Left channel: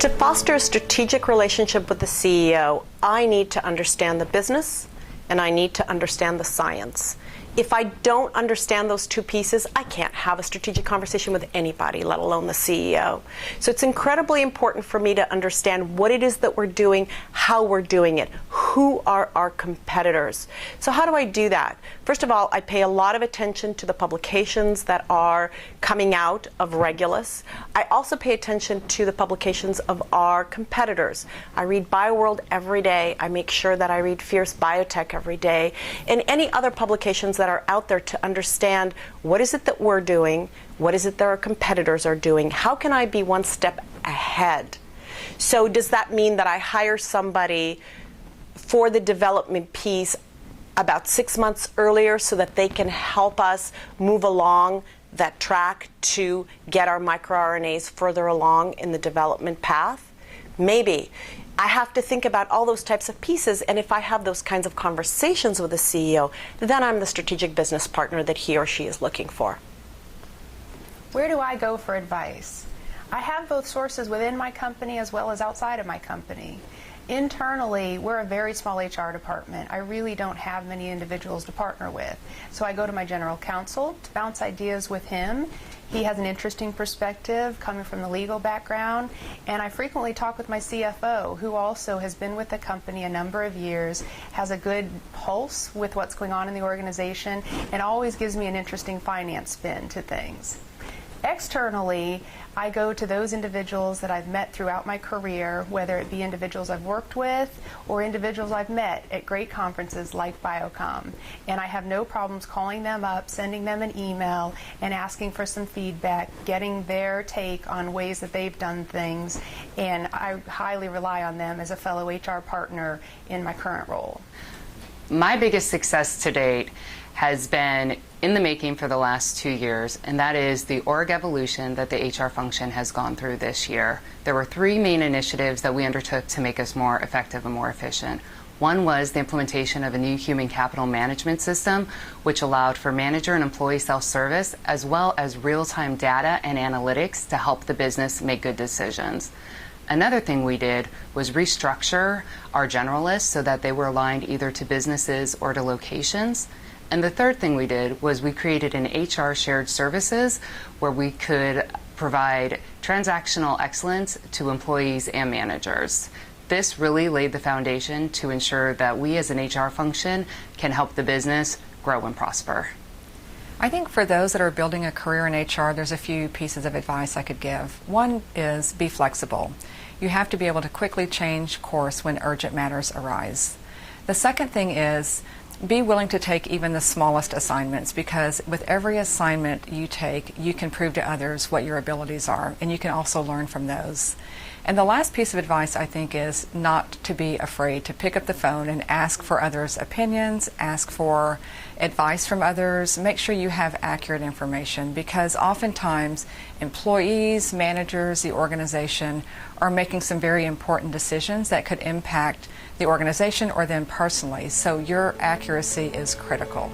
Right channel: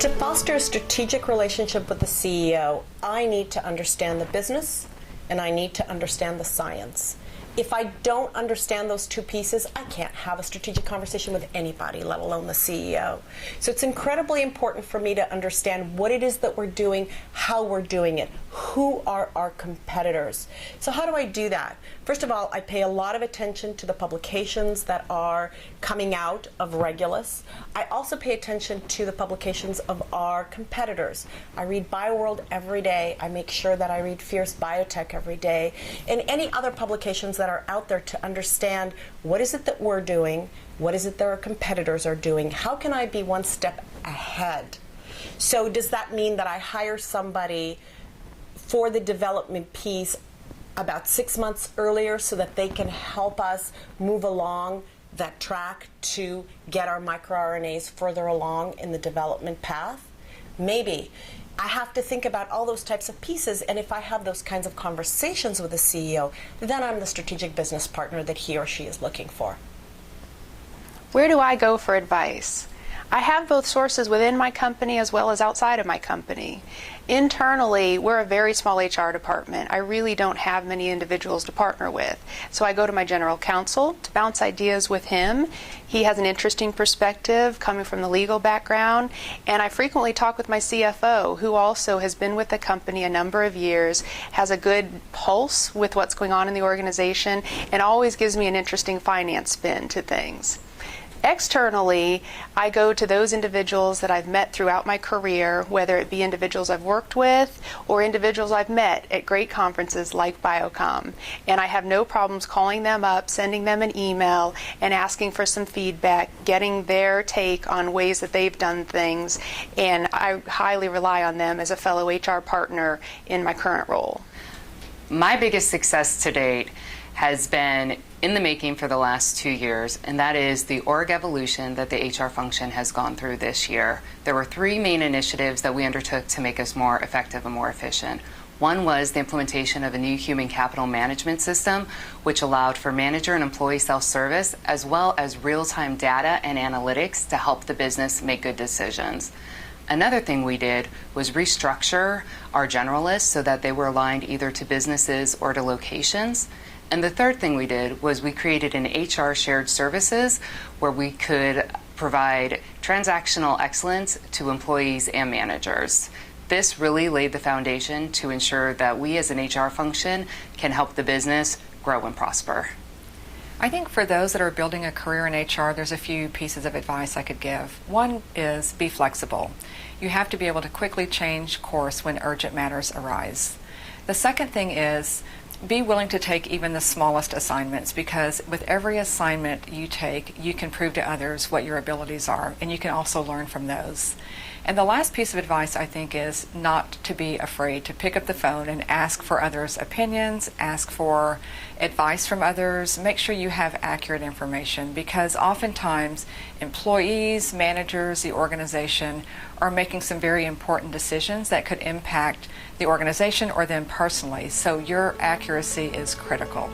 To foster a strategic relationship with the CEO, I need to understand the business and I need to understand the science. If I don't understand those two pieces, I can't have a strategic conversation with anybody, let alone the CEO. So it's incredibly important for me to understand what it is that we're doing, how we're doing it, who are our competitors. So how do I do that? First of all, I pay a lot of attention to the publications that are coming out of Regulus. I also pay attention to the publications of our competitors. I read BioWorld every day. I make sure that I read Fierce Biotech every day, and any other publications that are out there to understand what is it that we're doing, what is it that our competitors are doing, how can I be one step ahead? So does that mean that I hire somebody for the development piece about 6 months earlier so that they can help us move along that track to get our microRNAs further along in the development path? Maybe. I have to think about all those types of pieces, and if I have those kinds of conversations with the CEO, then I'm the strategic business partner that he or she is looking for. Where do I go for advice? I have both sources within my company as well as outside of my company. Internally, we're a very small HR department. I really don't have many individuals to partner with. So I go to my general counsel to bounce ideas with him. He has an interesting perspective coming from the legal background. And I frequently talk with my CFO, who also has been with the company a number of years, has a good pulse with what's going on in the organization, and always gives me an interesting finance spin to things. Externally, I go to those individuals that I've met throughout my career, whether it be individuals I've worked with or individuals I've met at great conferences like BIOCOM. And I have no problems calling them up, sending them an email, and asking for some feedback, getting their take on ways that they've done things. And I highly rely on them as a fellow HR partner in my current role. My biggest success to date has been in the making for the last 2 years, and that is the org evolution that the HR function has gone through this year. There were 3 main initiatives that we undertook to make us more effective and more efficient. One was the implementation of a new human capital management system, which allowed for manager and employee self-service, as well as real-time data and analytics to help the business make good decisions. Another thing we did was restructure our generalists so that they were aligned either to businesses or to locations. And the third thing we did was we created an HR shared services where we could provide transactional excellence to employees and managers. This really laid the foundation to ensure that we as an HR function can help the business grow and prosper. I think for those that are building a career in HR, there's a few pieces of advice I could give. One is be flexible. You have to be able to quickly change course when urgent matters arise. The second thing is be willing to take even the smallest assignments, because with every assignment you take, you can prove to others what your abilities are, and you can also learn from those. And the last piece of advice, I think, is not to be afraid to pick up the phone and ask for others' opinions, ask for advice from others. Make sure you have accurate information, because oftentimes employees, managers, the organization are making some very important decisions that could impact the organization or them personally. So your accuracy is critical.